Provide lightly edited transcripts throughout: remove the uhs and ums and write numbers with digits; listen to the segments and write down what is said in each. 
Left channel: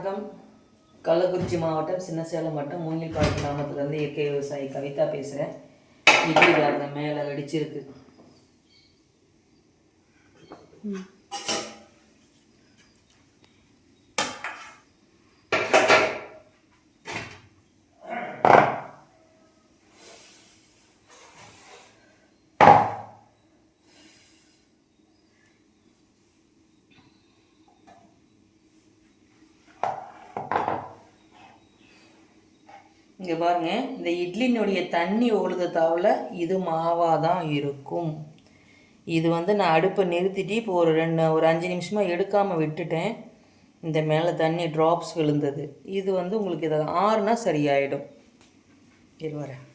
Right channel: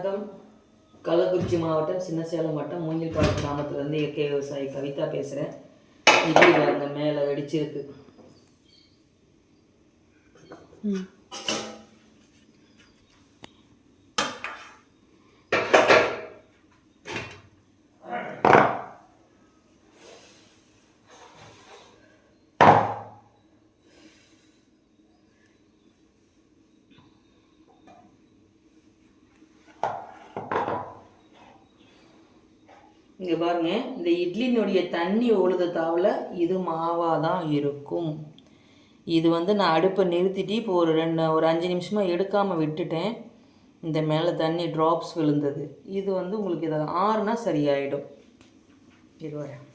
வணக்கம். கள்ளக்குறிச்சி மாவட்டம் சின்னசேலம் வட்டம் மூங்கில்பாடி கிராமத்துலேருந்து இயற்கை விவசாயி கவிதா பேசுகிறேன். இட்லி பாருங்க மேலே வெடிச்சிருக்கு. இங்கே பாருங்க, இந்த இட்லினுடைய தண்ணி ஒழுத தாவில் இது மாவாக தான் இருக்கும். இது நான் அடுப்பை நிறுத்திட்டு இப்போ ஒரு 5 நிமிஷமாக எடுக்காமல் விட்டுட்டேன். இந்த மேலே தண்ணி ட்ராப்ஸ் விழுந்தது. இது உங்களுக்கு இதை ஆறுனா சரியாயிடும். இது வரேன்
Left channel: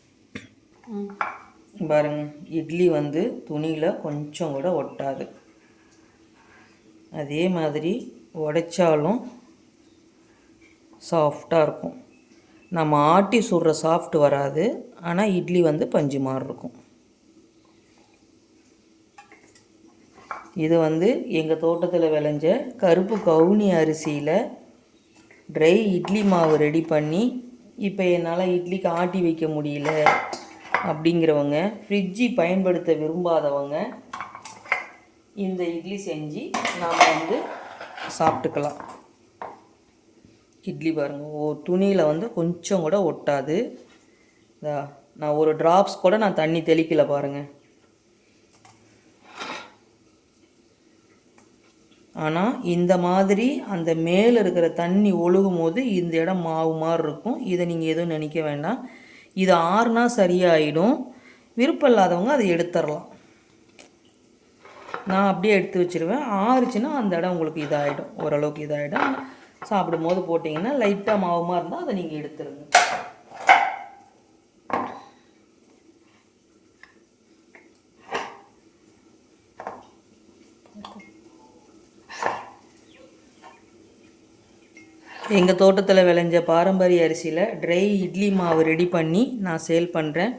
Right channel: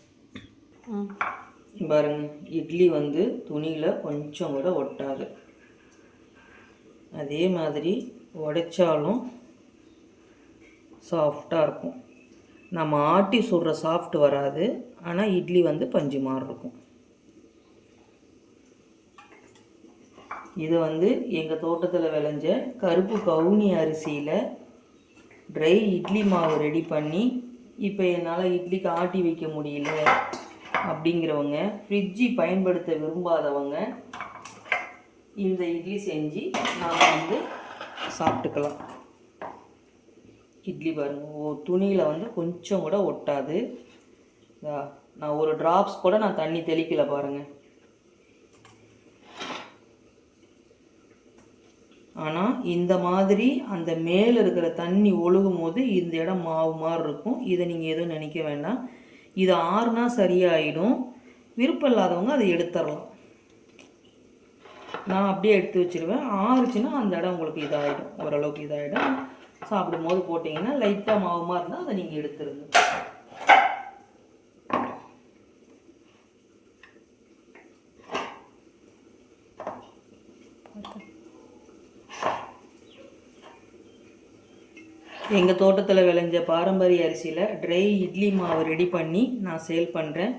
பாருங்க, இட்லி துணியில் கொஞ்சம் கூட ஒட்டாது. அதே மாதிரி உடைச்சாலும் சாஃப்டாக இருக்கும். நம்ம ஆட்டி சுடுற சாஃப்ட் வராது, ஆனால் இட்லி பஞ்சு மாதிரி இருக்கும். இது எங்கள் தோட்டத்தில் விளைஞ்ச கருப்பு கவுனி அரிசியில் ட்ரை இட்லி மாவு ரெடி பண்ணி, இப்போ என்னால் இட்லிக்கு ஆட்டி வைக்க முடியல அப்படிங்கிறவங்க, ஃப்ரிட்ஜி பயன்படுத்த விரும்பாதவங்க இந்த இட்லி செஞ்சு நாம் சாப்பிட்டுக்கலாம். இட்லி பாருங்கள், துணியில் கொஞ்சம் கூட ஒட்டாது. நான் ஒரு ட்ராப்ஸ் கூட நான் தண்ணி தெளிக்கல பாருங்கள். ஆனால் இந்த மாதிரி அந்த மேலே இருக்கிற தண்ணி ஒழுகும் போது இந்த இடம் மாவு மாதிரி இருக்கும். இதை நீங்கள் எதுவும் நினைக்க வேண்டாம். இது ஆறுனா சரியாயிடும். விருப்பம் இல்லாதவங்க அதை எடுத்துடலாம். நான் அப்படியே எடுத்து வச்சுருவேன். ஆறுச்சுன்னா அந்த இடம் உங்களுக்கு இதாகிடும், ஓரளவுக்கு இதாகிடும். சாப்பிடும் போது போட்டிங்கன்னா லைட்டாக மாவுமாக இருந்தால் அதை நீங்கள் எடுத்துருங்க. எங்கள் தோட்டத்தில் விளைஞ்ச பாரம்பரிய அரிசியில் ட்ரை இட்லி மாவு ரெடி பண்ணி நான் சேல் பண்ணுறேன்.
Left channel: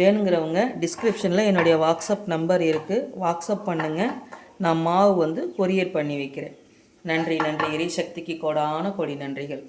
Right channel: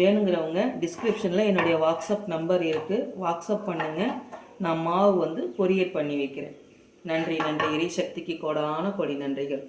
வேணுங்கிறவங்க டிஸ்கிரிப்ஷனில் என்னுடைய வாட்ஸ்அப் நம்பர் இருக்குது, வாட்ஸ்அப் பண்ணுங்கள். நான் மாவு கொரியர் பண்ணி வைக்கிறேன். நன்றி. எரிசக்திக்கு கோடான கோடி நன்றிகள்.